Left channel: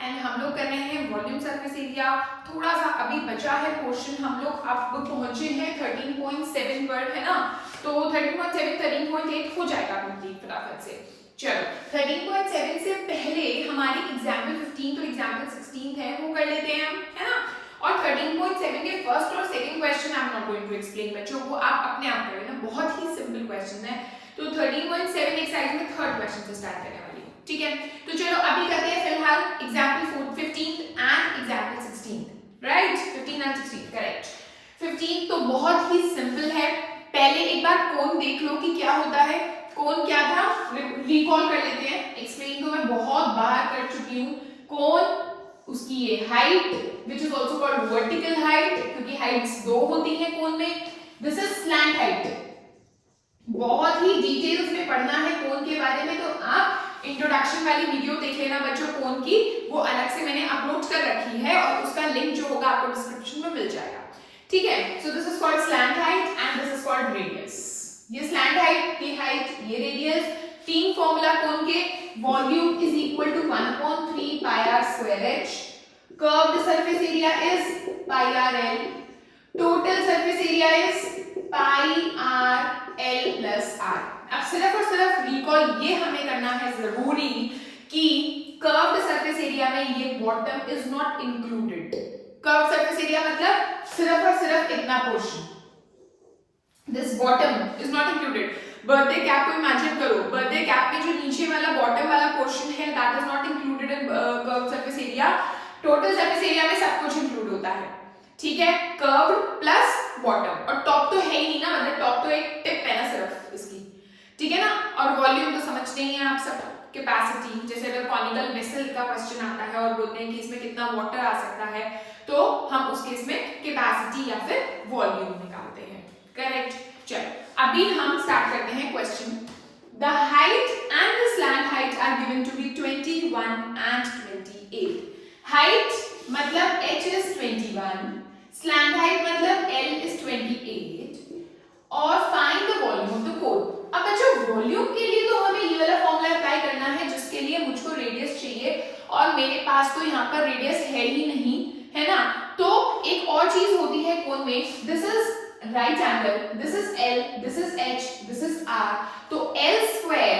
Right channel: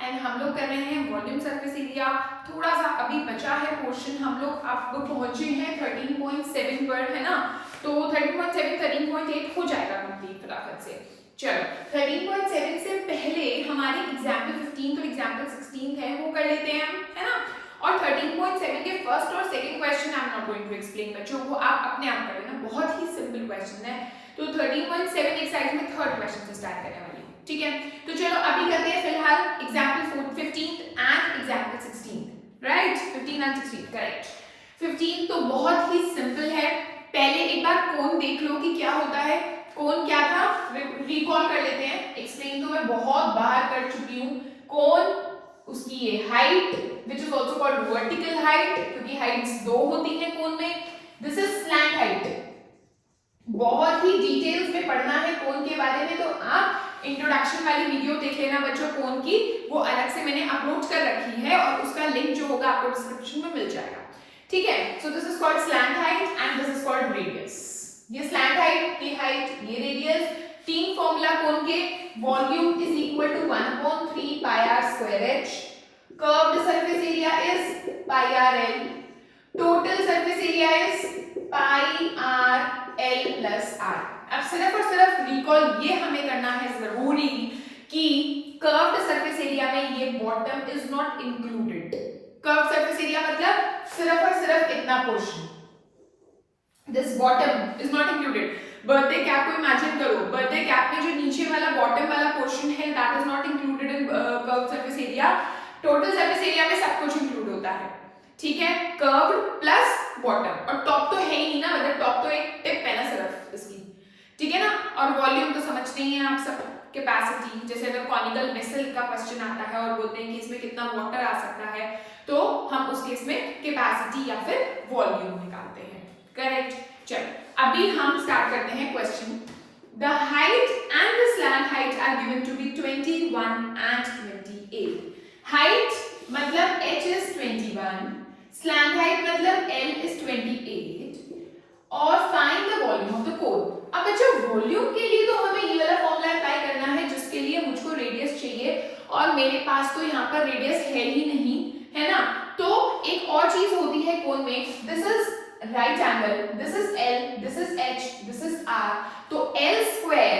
And हम लोग कर रहे हैं वॉल्यूम सरफेस एरिया। थोड़ा सा अभी बचा है पोर्शन, हम लोग अब पहुंचे हैं 13.7 पर, है ना। तो 13.7 13.8 हो जाएगा कंप्लीट फटाफट से। चलो 13.7 से पहले हमारी एग्जाम्पल 15 और एग्जाम्पल 16 है वो कर लेते हैं हम, है ना। और 13.7 के फर्स्ट और second question I am not going to explain बच्चों, वो आप अपने आप कर लेना, बहुत ही सिंपल क्वेश्चन है। तो 13.7 एक्सरसाइज में थर्ड क्वेश्चन से स्टार्ट करने वाली हूँ, ठीक है। तो चलो अभी करते हैं फिलहाल example 15 and example 16, right. 15 and 16 correct. 15 तो बहुत ही सिंपल है। पहले एक बार कोन देख लो कि क्या होता है। कोन क्या था, रिकॉल कर लेते हैं। एक्सप्लेन तो मैं बहुत बार कर चुकी हूँ। कोन, उसकी ये height which is also called vertical height, क्योंकि हाइट्स दो होती हैं कोन में। This is slant height. बहुत ही डिटेल्स में पढ़ना है कोन के बारे में तो आप इंट्रोडक्शन वाली वीडियो देख लेना बच्चों कोन की, वो अलग से मैंने अपलोड कर रखी है और उसका लिंक जो होगा आपको डिस्क्रिप्शन में मिल जाएगा, ठीक है। So this is called slant height and this is called radius. ये स्लैंट हाइट, ये हाइट, ये रेडियस। तीन फॉर्मूला कोन के, volume is equal to 1/3 pi r square h, curved surface area is pi r l, total surface area is pi r l plus r. अब सिर्फ और सिर्फ recall ये हमें करना है जरूरी कि कर्व्ड सरफेस एरिया में ये bottom is not included. Curved surface area मतलब सिर्फ और सिर्फ इतना portion, this bottom is not included. Birthday cap को इमेजिन करो, बर्थडे कैप में जो नीचे वाला बॉटम वाला पोर्शन है that is not included in curved surface area. Total surface area में सब कुछ इंक्लूड होता है, ठीक है। कर्व्ड प्लस बॉटम, और टॉप तो है ही नहीं ना, मतलब टॉप तो एक टिप है ना सिर्फ इसकी, ठीक है ना। और वॉल्यूम तो समझते ही हैं आप सब, कैपेसिटी। जैसे अगर कॉनिकल वेसल का क्वेश्चन आता है और बोलते हैं कि इसमें कितना वाटर आ सकता है, तो हम उस केस में कैपेसिटी या फिर वॉल्यूम निकालते हैं, करेक्ट। चलो अभी हम स्टार्ट करते हैं question. The height and the slant height are given to be 21 and 28। Height मतलब h is 21, स्लैंट हाइट मतलब l is 28 और find the volume of the cone. अब बच्चों वॉल्यूम के लिए तो हमें ये वाला फॉर्मूला अप्लाई करना है जिसके लिए मुझको रेडियस चाहिए और मेरे पास तो यहाँ पर रेडियस है ही नहीं, है ना। तो एक और चीज होती है कोन में, this is right angle, this is l, this is h, this is r। तो l square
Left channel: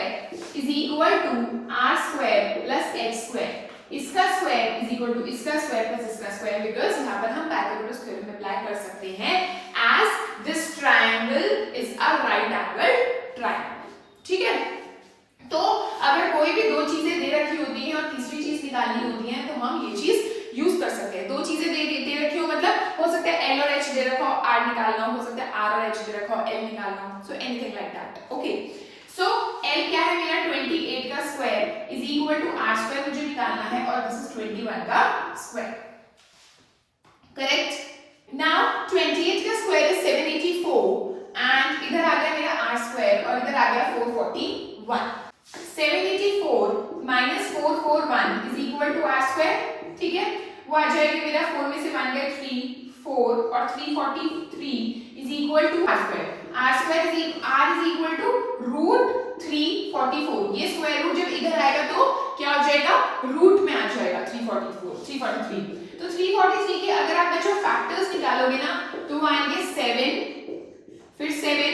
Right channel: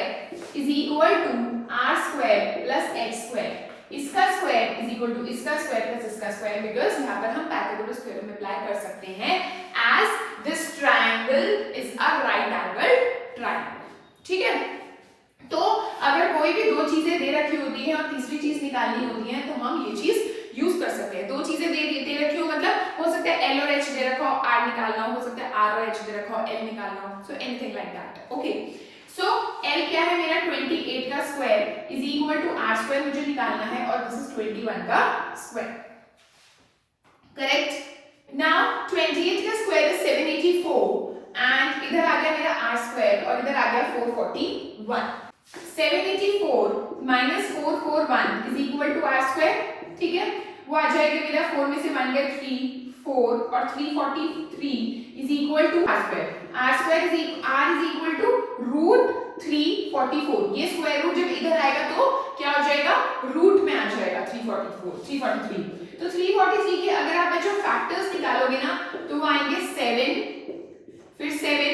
is equal to r square plus h square. इसका स्क्वायर इज इक्वल टू इसका स्क्वायर प्लस इसका स्क्वायर, बिकॉज यहाँ पर हम Pythagoras theorem apply कर सकते हैं as this triangle is a right angle triangle, ठीक है। तो अगर कोई भी दो चीजें दे रखी होती है और तीसरी चीज निकालनी होती है तो हम ये चीज यूज कर सकते हैं। दो चीजें दे रखी हो, मतलब हो सकता है l और h दे रखा हो, r निकालना हो सकता है r और h दे रखा हो, l निकालना हो, so anything like that, okay. So l क्या है मेरा 28 का square is equal to r square मुझे निकालना है और दिस इज 21 का स्क्वायर, करेक्ट। नाउ 28 का स्क्वायर इज 784 एंड इधर आ गया मेरा r स्क्वायर और इधर आ गया 441। 784 minus 441 is equal to r square, ठीक है। वो आ जाएगा मेरा 4 में से 1 गया 3, 4 और 343 is equal to r square. r square is r is equal to root 344। ये स्क्वायर रूट जब इधर आएगा तो क्या हो जाएगा, रूट में आ जाएगा 343। तो 343 के अगर आप बच्चों फैक्टर्स निकालोगे ना तो वो आएंगे 7 फिर 7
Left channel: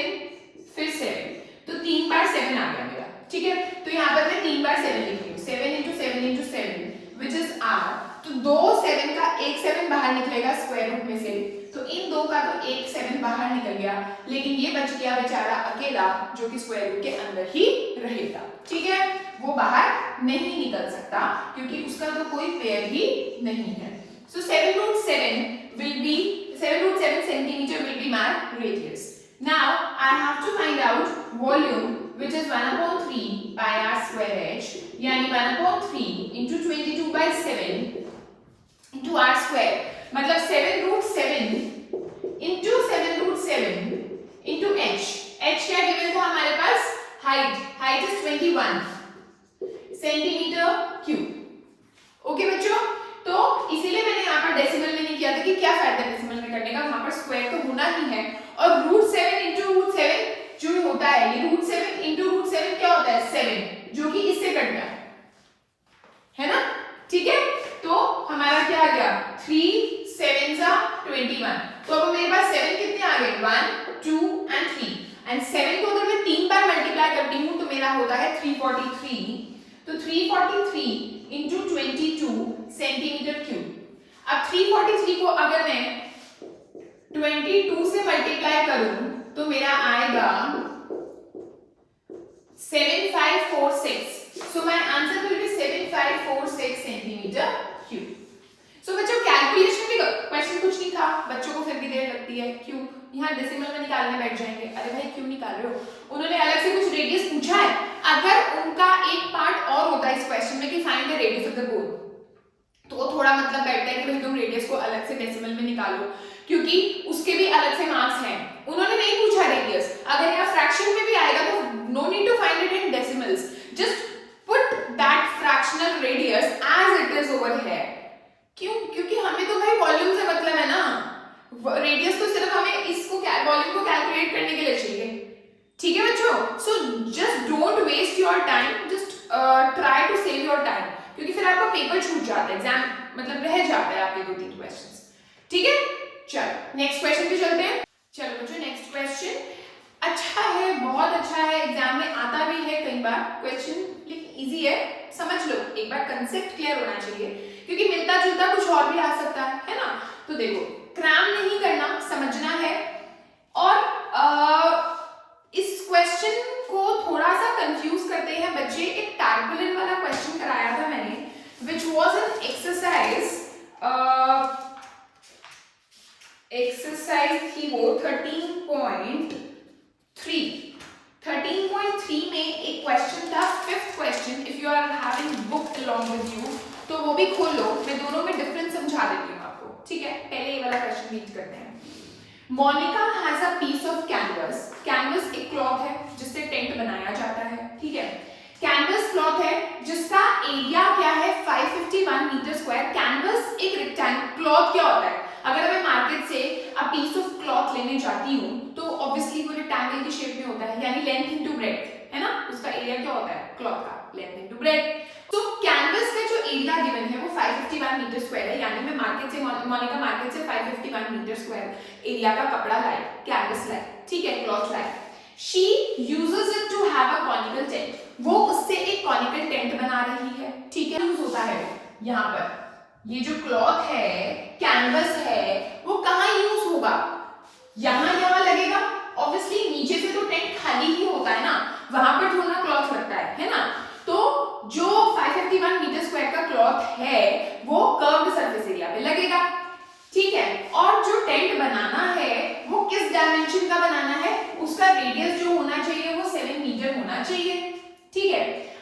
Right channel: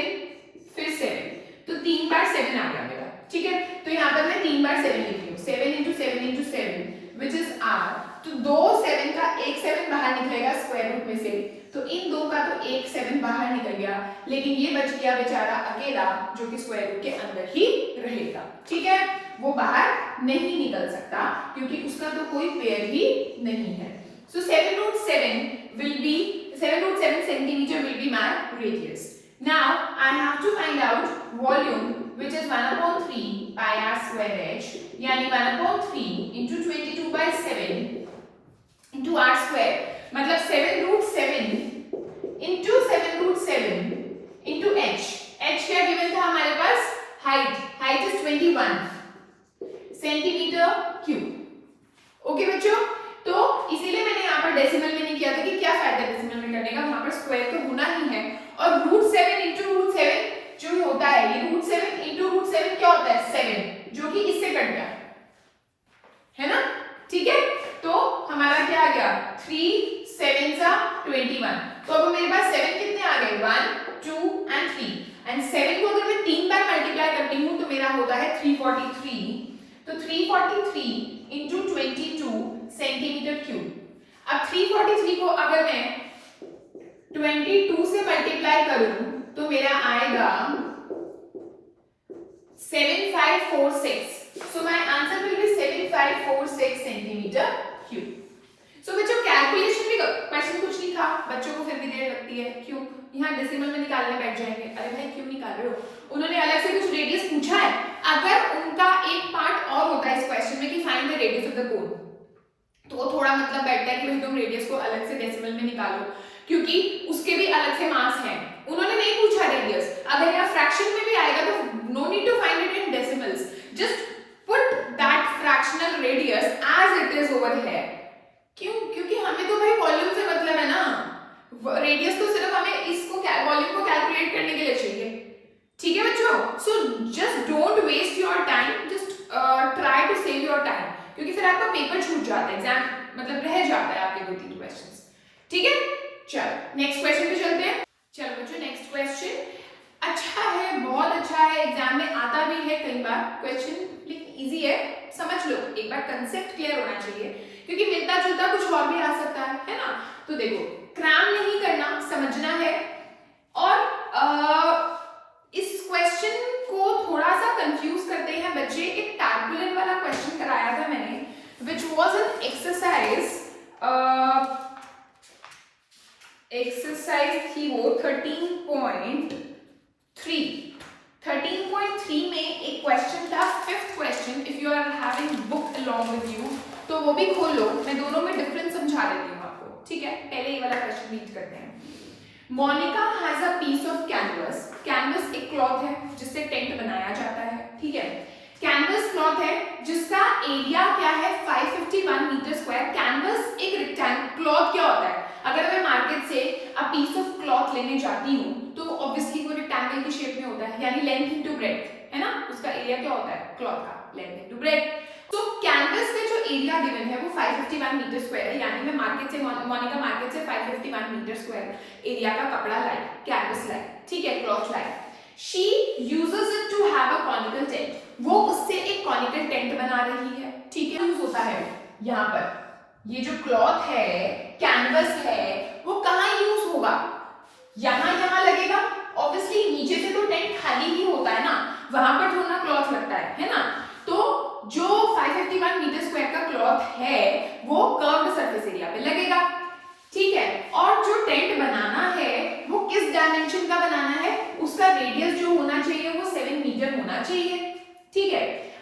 फिर 7, तो 3 बार 7 आ गया मेरा, ठीक है। तो यहाँ पर मैं 3 बार 7 लिख रही हूँ, 7 into 7 into 7 which is r। तो दो 7 का एक 7 बाहर निकलेगा स्क्वायर रूट में से, तो इन दो का तो एक 7 बाहर निकल गया, लेकिन ये बच गया बेचारा अकेला जो कि स्क्वायर रूट के अंदर ही रहेगा, ठीक है। वो बाहर नहीं निकल सकता क्योंकि उसका तो कोई पेयर ही नहीं है। सो 7√7 will be 7√7 centimeter will be my radius. Now I have to find out volume which is 1/3 pi r square h, यानी 1/3 into 22 by 7 into r square, मतलब 7√7 into 7√7 into h। h क्या गिवन था हमारे पास, height is 21 centimetre cube, okay बच्चों। तो इसीलिए मैंने यहाँ पर डेसिमल में नहीं किया था कि क्या फायदा डेसिमल में करने का, वहां पर स्क्वायर तो होना ही है। और √7 into √7 जो होता है, ये √7 into √7 क्या होता है 7, जो कि इससे कट गया है ना। ठीक है, तो हमारा क्या आ गया 3 7 21। तो अब मेरे पास 7 कितने आ गए 1 2 एंड 3 एंड 7 को अगर मैं 3 बार मल्टीप्लाई करती हूँ तो मेरा होता है 343। तो 343 इंटू 22 सेंटीमीटर क्यूब। अब 343 को अगर मैं 22 से मल्टीप्लाई करूं तो मेरा आएगा 7546। So my answer will be 7546 centimetre cube. So बच्चों कैलकुलेशन भी क्वेश्चन कुछ नहीं था, बच्चों को फिर भी देर लगती है, क्यों? यहाँ डेसिमल में निकालने बैठ जाएंगे, अरे भाई क्यों निकाल रहे हो? उन्होंने अलग से कुछ रेडियस पूछा है, अगर उनका एक पार्ट और होता है इस क्वेश्चन में कि find the radius of the कोन, तो थोड़ा मतलब बैठता है कि भाई तुम रेडियस को अलग से डेसिमल में निकालो, क्योंकि उसके भी अलग से मार्क्स हैं। उन्होंने नहीं पूछा रेडियस, अगर यहाँ फ्रैक्शन में भी आएगा तो no need to find it in decimals, just put that fractional radius as it is over here. क्यों? क्योंकि हमें तो भाई वॉल्यूम से मतलब है ना, रेडियस तो सिर्फ हमें इसको वॉल्यूम को कैलकुलेट करने के लिए चाहिए। ठीक है बच्चों, so just don't waste your time, just try to save your time, क्योंकि फिर आपका पेपर छूट जाता है, एग्जाम मतलब रह जाता है आपके 2-3 क्वेश्चंस। ठीक है, चलो नेक्स्ट क्वेश्चन पे चलते हैं। चलो बच्चों नेक्स्ट क्वेश्चन अच्छा है, बहुत अच्छा है, एग्जाम में आता भी है कई बार क्वेश्चन, लेकिन इजी है, समझ लो, एक बार कंसेप्ट क्लियर होना चाहिए, क्योंकि मिलता जुलता कुछ और भी आ सकता है ना। तो देखो क्रैम नहीं करना, समझना है, और इस क्वेश्चन को थोड़ा सा कंफ्यूज करते हैं बच्चे। एक टैर्पोलिन वाला क्वेश्चन कराया था मैंने, विच वॉज एन एक्सरसाइज थी वो 13.3 में एक क्वेश्चन था, 5th question. If you are having book along with you तो वो भी खोलो, मैं दोनों में डिफरेंस समझा देती हूँ आपको। ठीक है, पहले ये वाला क्वेश्चन रीड करते हैं। Monica has a piece of canvas. Canvas एक क्लॉथ है जिससे टेंट बनाया जाता है। ठीक है, कैनवस क्लॉथ है जिसका एरिया क्या है 551 मीटर स्क्वायर। कैनवस एक रेक्टेंगल, क्लॉथ क्या होता है, अगर मैं मार्केट से अ पीस ऑफ क्लॉथ लेने जाती हूँ तो ऑब्वियसली वो रेक्टेंगल की शेप में होता है, यानी लेंथ इनटू ब्रेड्थ है ना, उसका एरिया क्या होता है क्लॉथ का, लेंथ इनटू ब्रेड्थ। तो कैनवस का जो एरिया गिवन है वो 551 मीटर स्क्वायर है, यानी मैं मार्केट से मोनिका मार्केट से 551 मीटर स्क्वायर एरिया का कपड़ा लाई, कैनवस लाई, ठीक है, क्लॉथ लाई। She uses it to have a conical tent, वो उससे एक कॉनिकल टेंट बना रही है। ठीक है, यूज होता है यहाँ पर, ये जो क्लॉथ है, कैनवस है, वो कहाँ यूज होगा, यहाँ लगेगा। ऑब्वियसली नीचे से तो टेंट खाली ही होता है ना, वहां पर थोड़ा क्लॉथ लगता है ना। तो जो 551 मीटर स्क्वायर का क्लॉथ है वो कर्व्ड सरफेस एरिया पे लगेगा। ठीक है, और जो टेंट बनाना है वो किस डायमेंशन का बनाना है, उसका रेडियस जो होना चाहिए वो 7 मीटर होना चाहिए। ठीक है,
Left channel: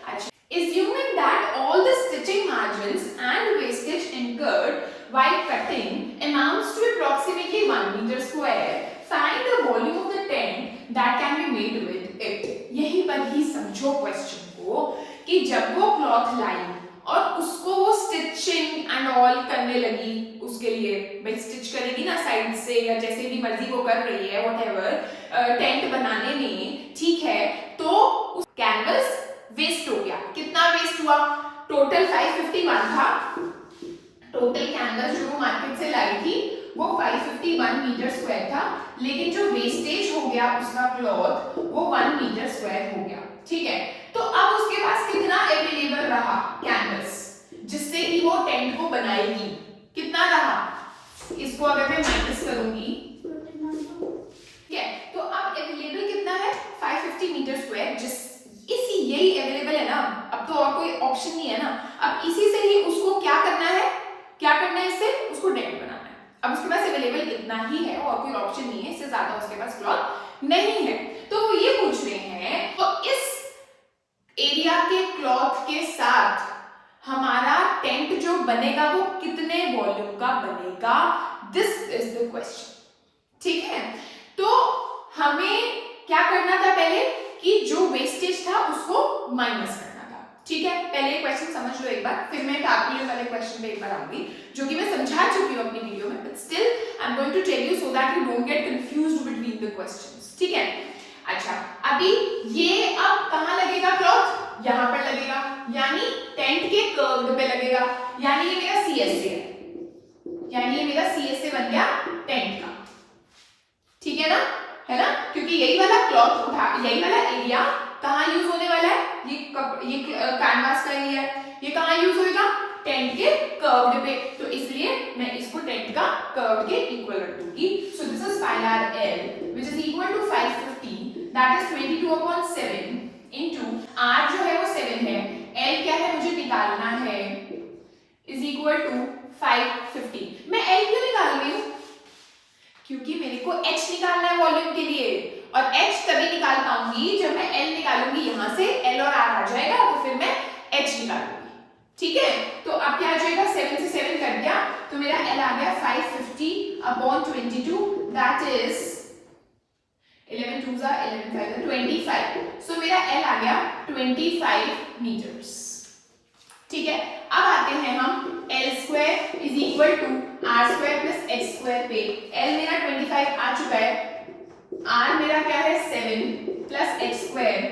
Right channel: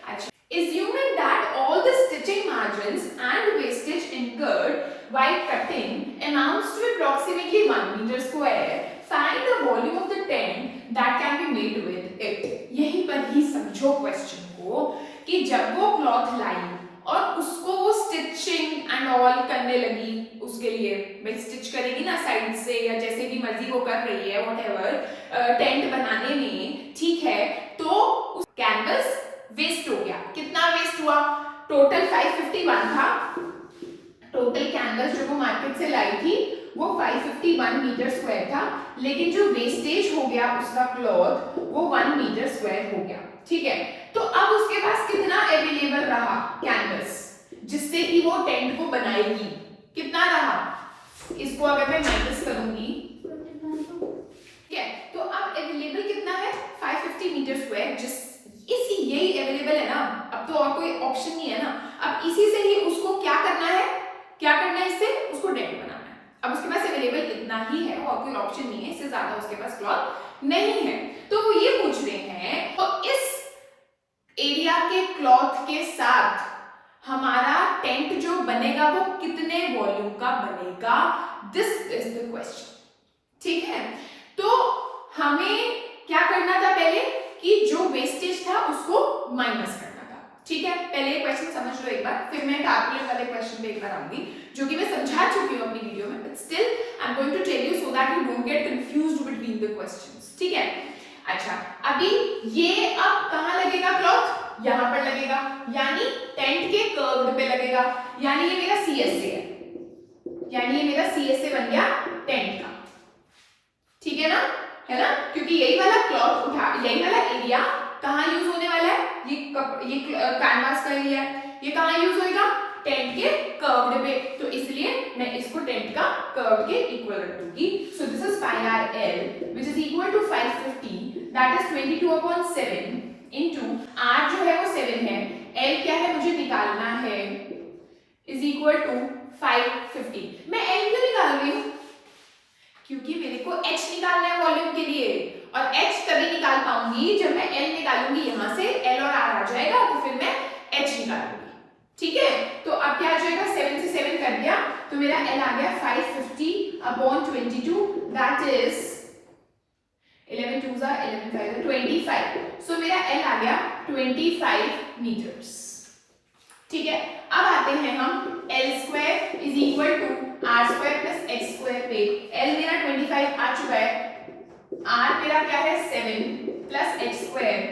अच्छा, assuming that all the stitching margins and wastage incurred while cutting amounts to approximately 1 meter square, find the volume of the tent that can be made with it। यहीं पर ही समझो क्वेश्चन को कि जब वो क्लॉथ लाई और उसको वो स्टिचिंग एंड ऑल करने लगी, उसके लिए भाई स्टिच करेगी ना साइड से या जैसे भी मर्जी वो कर रही है व्हाटएवर टेंट बनाने में। ठीक है, तो कैनवस वेस्ट हो गया। कितना वेस्ट हुआ, टोटल 551 था, टोटल कैनवस जो वो मार्केट से लाई थी वो 551 मीटर स्क्वायर था, लेकिन जो वेस्टेज हो गया उसका क्लॉथ वो 1 मीटर स्क्वायर हो गया। ठीक है, तो अब उसके पास कितना अवेलेबल रहा कैनवस जिससे कि वो टेंट को बनाएगी, कितना रहा, इसको अगर मैं माइनस करूंगी, ठीक है, तो अब अवेलेबल कितना है 550 मीटर स्क्वायर, जिस इसी यही अवेलेबल है ना, अब तो और कोई ऑप्शन नहीं है ना। अब इसी से ही उसको क्या करना है, क्या करना है, इससे उसको टेंट बनाना है। अब उसके पास अवेलेबल इतना ही है और कोई ऑप्शन नहीं है, इससे ज्यादा उसके पास क्लॉथ नहीं है। तो वो ये पूछ रहे हैं तो इस एरिया के क्लॉथ के साथ हमारा टेंट जो बनेगा वो कितने वॉल्यूम का बनेगा, दिस इज द क्वेश्चन। ठीक है, तो हमें क्या करना था पहले कि जो वेस्टेज था उसको माइनस करना था। ठीक है, पहले क्वेश्चन समझ लो एक बार, फिर मैं टैर्पोलिन वाले क्वेश्चन पे एक बार आऊंगी जो कि मैं समझा चुकी हूं अपनी वीडियो में, but still I am going to tell you so that you don't get confused between the questions. ठीक है, अच्छा, अभी ये अब कहां लगेगा क्लॉथ, यहां पर लगेगा, यानी टेंट के कर्व्ड पे लगेगा। लगेगा, यानी ये मेरा सी एस ए है, यानी ये मेरा सी एस ए बन गया टेंट का, ठीक है ना, क्योंकि यही वाला क्लॉथ उठा, यही वाला एरिया कहाँ यूज होने वाला है, ये कैनवास का एरिया है, ये कहाँ यूज होएगा, टेंट के कर्व्ड पे, तो इसलिए मैं इसको टेंट का कर्व के इक्वल रख दूंगी। So this is pi r l which is equal to 550, that is 22/7 into r जो है वो 7 है, एल क्या है मुझे निकालना है, इज इक्वल टू 550। मैं एल क्यों निकाल रही हूँ, क्योंकि मेरे को एच निकालना है वॉल्यूम के लिए, और एच तभी निकाल पाऊंगी जब मैं एल निकालूंगी, यहां से एल और आर आ जाएगा तो फिर मैं एच निकालूंगी, ठीक है। तो अब क्या आ जाएगा, 7 से 7 कट गया, तो मेरा एल आ गया 550/22, दैट इज 11 2 11 5 25। सो मेरा एल आ गया 25 मीटर्स, ठीक है। अब आते हैं हम l square is equal to r square plus x square पे, एल मेरा 25 आ चुका है, आर मेरा क्या है 7 प्लस एक्स स्क्वायर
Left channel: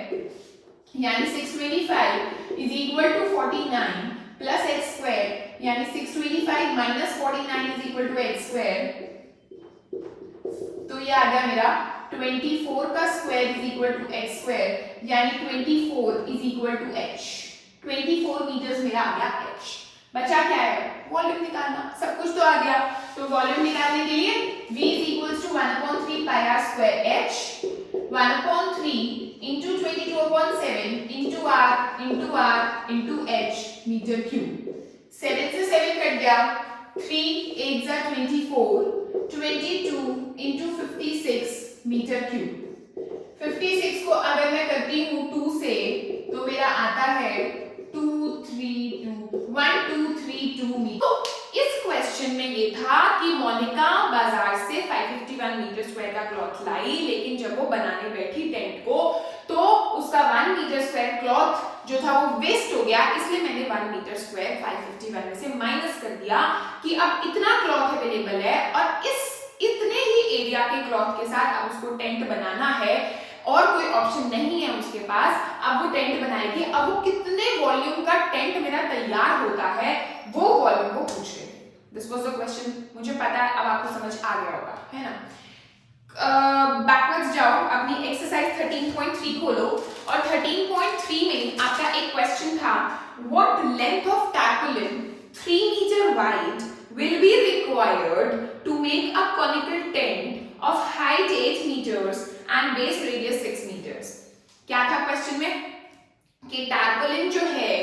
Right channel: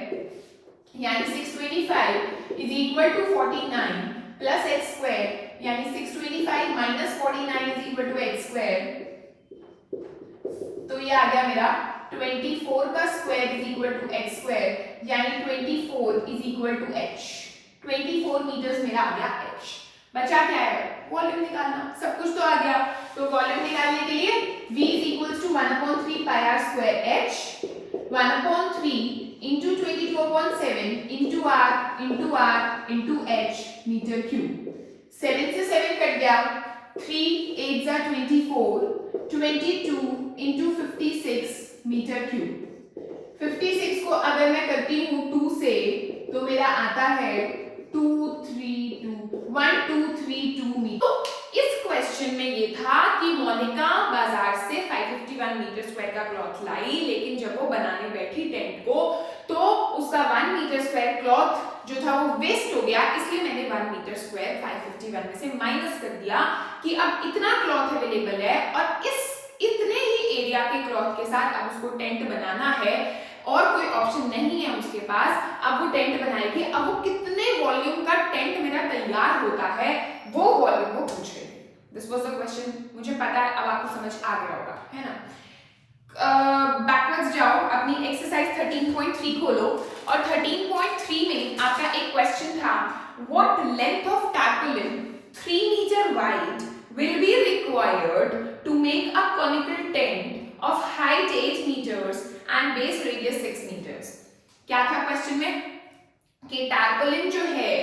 यानी 625 is equal to 49 plus x square यानी 625 minus 49 is equal to x square, तो ये आ गया मेरा 24 का square is equal to x square यानी 24 is equal to h, 24 metres मेरा आ गया एच। बचा क्या है, वॉल्यूम निकालना, सब कुछ तो आ गया, तो वॉल्यूम निकालने के लिए v is equals to 1/3 pi r square h 1/3 into 22/7 into r into h metre cube. 7 से 7 कट गया, 3 8 जा 24, 22 into 56 मीटर क्यूब। 56 को अगर मैं करती हूँ 2 से तो मेरा आता है 1232 मीटर। तो इस क्वेश्चन में ये था कि मोनिका बाजार से 551 मीटर स्क्वायर का क्लॉथ लाई, लेकिन जब वो बनाने बैठी टेंट को तो उसका 1 मीटर स्क्वायर क्लॉथ जो था वो वेस्ट हो गया, इसलिए मैंने 1 मीटर स्क्वायर 551 में से माइनस कर दिया कि अब इतना क्लॉथ अवेलेबल है और इतने ही एरिया के क्लॉथ के साथ अब उसको टेंट बनाना है और कोई ऑप्शन नहीं है उसके पास, अब वो टेंट बनाएगी। अब वो कितने वॉल्यूम का टेंट मेरा तैयार होता है वो वॉल्यूम वो पूछ रहे थे। दिस वाज द क्वेश्चन, मुझे पता है अब आपको समझ आ गया होगा, है ना। बैकवर्ड्स जाओ, अपनी एक्सरसाइज 13.3 खोलो और 13.3 में आपका एक क्वेश्चन था, what length of tarpaulin 3 metre wide will be required to make a conical tent of height 8 meters and base radius 6 meters। क्या था क्वेश्चन में कि टैर्पोलिन जो है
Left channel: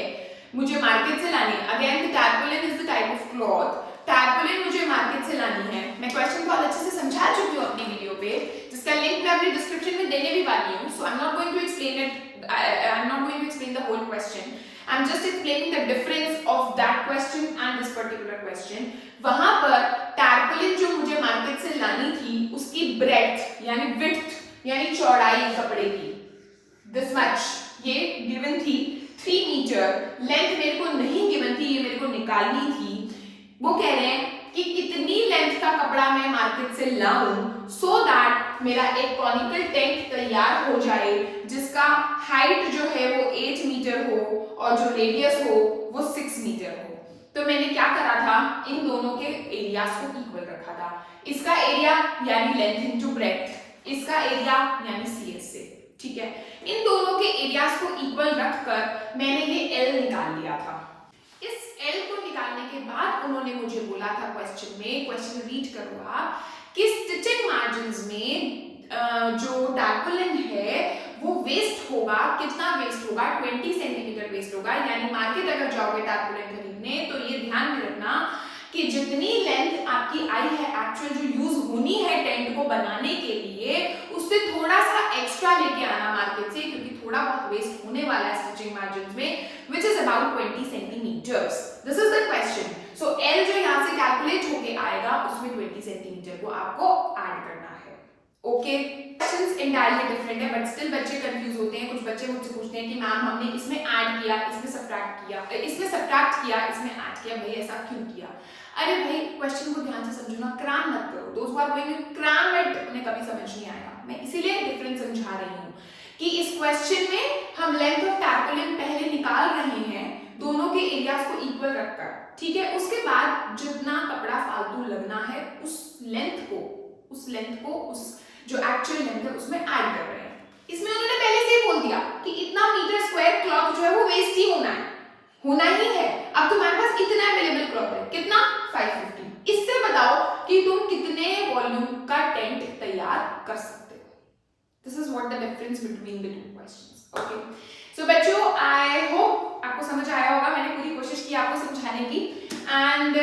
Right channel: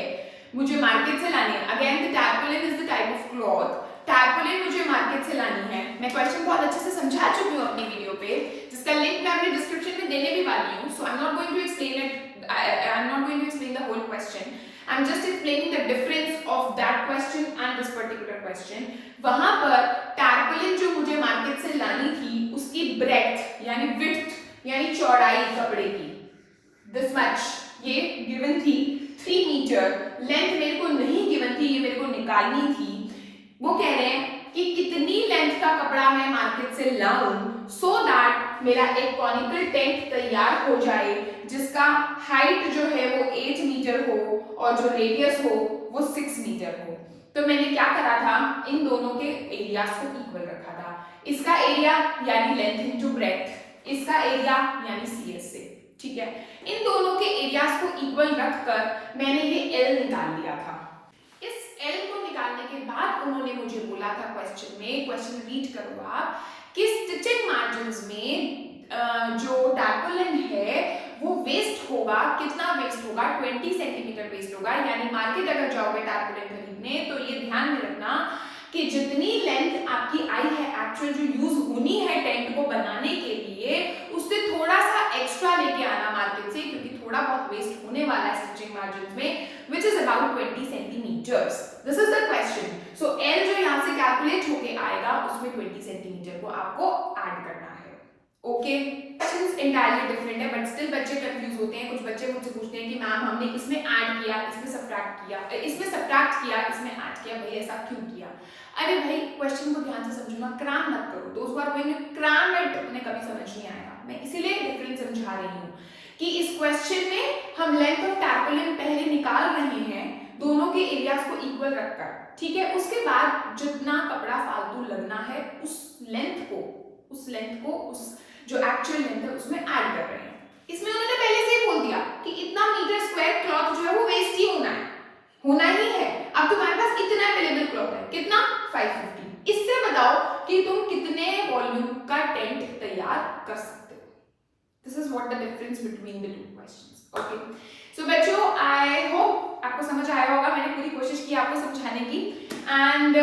मुझे मार्केट से लानी है। Again the tarpaulin is the type of cloth, tarpaulin मुझे मार्केट से लानी है। मैं क्वेश्चन बहुत अच्छे से समझा चुकी हूँ अपनी वीडियो पे, जिसका लिंक मैं अपने डिस्क्रिप्शन में देने भी वाली हूँ। So I am not going to explain it, I am not going to explain the whole question, I am just explaining the difference of that question and this particular question. वहां पर टैर्पोलिन जो मुझे market से लानी थी उसकी breath यानी width यानी चौड़ाई कपड़े की दिस मच ये गिवन थी, 3 मीटर। लेंथ मेरे को नहीं गिवन थी, ये मेरे को निकालनी थी। वो कह रहे हैं कि कितनी लेंथ का कपड़ा मैं मार्केट से लाऊं सो दैट मेरा एक कॉनिकल टेंट तैयार हो जाए जिसका हाइट जो है वो 8 मीटर हो और जो रेडियस हो वो 6 मीटर हो। तो मैंने क्या करा था, इन दोनों के एरियाज को इक्वल रखा था। इसका एरिया यानी लेंथ इनटू ब्रेथ, इसका एरिया यानी सीएस से, ठीक है। इन दोनों के एरियाज को इक्वल रखकर मैंने ये एल निकाल लिया था। इस एल को निकालने के बाद उन्होंने मुझे बोला था क्वेश्चन में, क्वेश्चन रीड करो आप, कि स्टिचिंग मार्जिन्स में जो टैर्पोलिन है वो वेस्ट होगा, कितना वेस्ट होगा, 20 सेंटीमीटर वेस्ट होगा। यानी मार्केट अगर जाओगे टैर्पोलिन खरीदने तो ये ध्यान में रखना कि जितनी लेंथ आपकी आई है एक्चुअल जो यूज होनी है टेंट को बनाने के लिए, उससे थोड़ा सा एक्स्ट्रा लेके आना मार्केट से, क्योंकि थोड़ा बहुत वेस्ट होने वाला है स्टिचिंग मार्जिन्स में, which is about 20 centimetres. This is the question. So l जो यहाँ से कैलकुलेट होके आएगा उसमें 20 सेंटीमीटर को आपको ऐड करना है। ओके, क्वेश्चंस एंटायरली डिफरेंट है बट स्टिल बच्चे कंफ्यूज होते हैं। कुछ बच्चे मुझसे पूछते हैं कि मैम हमने इसमें ऐड किया, इसमें सब्ट्रैक्ट किया, इसमें सब्ट्रैक्ट किया, इसमें ऐड किया, भाई ऐसा क्यों किया? अरे भाई क्वेश्चन को ध्यान से समझो ना, क्रैम मत करो। दोस्त who are going to cram it उन्हें कभी समझ नहीं आएगा। मैं इसीलिए डिफरेंस समझा रही हूँ कि इस क्वेश्चन में हम लेंथ ऑफ टैर्पोलिन पहले निकाल रहे हैं, दोनों के एरियाज को इक्वल रखकर, ठीक है। उसके बाद जितना कपड़ा फालतू लगना है उस लेंथ को उस जो एक्चुअल लेंथ है उसमें ऐड कर रहे हैं। इसमें उन्होंने पहले से ही बोल दिया कि इतना मीटर स्क्वायर क्लॉथ जो है वो वेस्ट ही होना ही है। अब तुम्हारे पास इतना अवेलेबल क्लॉथ है, कितना 550। इससे बताओ कि तुम कितने वॉल्यूम का टेंट तैयार कर सकते हो। This is what the difference between the two questions. Okay, so बच्चों आई होप आपको समझ आया होगा। मैंने पूरी कोशिश की आपको समझाने की। And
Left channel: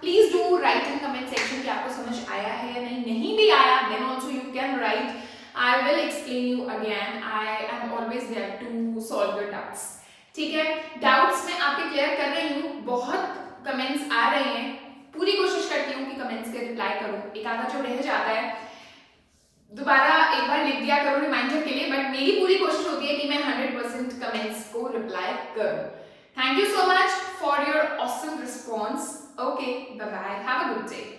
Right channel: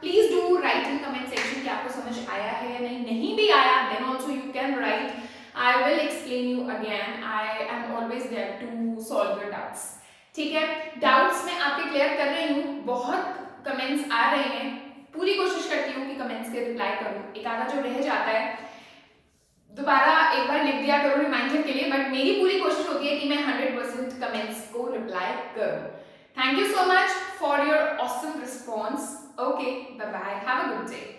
please do write in comment section कि आपको समझ आया है या नहीं भी आया, then also you can write, I will explain you again. I am always there to solve your doubts. ठीक है, डाउट्स मैं आपके क्लियर कर रही हूँ। बहुत कमेंट्स आ रहे हैं, पूरी कोशिश करती हूँ कि कमेंट्स के रिप्लाई करूँ। एक आधा जो रह जाता है दोबारा एक बार लिख दिया करो रिमाइंडर के लिए, बट मेरी पूरी कोशिश होती है कि मैं 100% कमेंट्स को रिप्लाई करूँ। Thank you so much for your awesome response. Okay, bye bye, have a good day.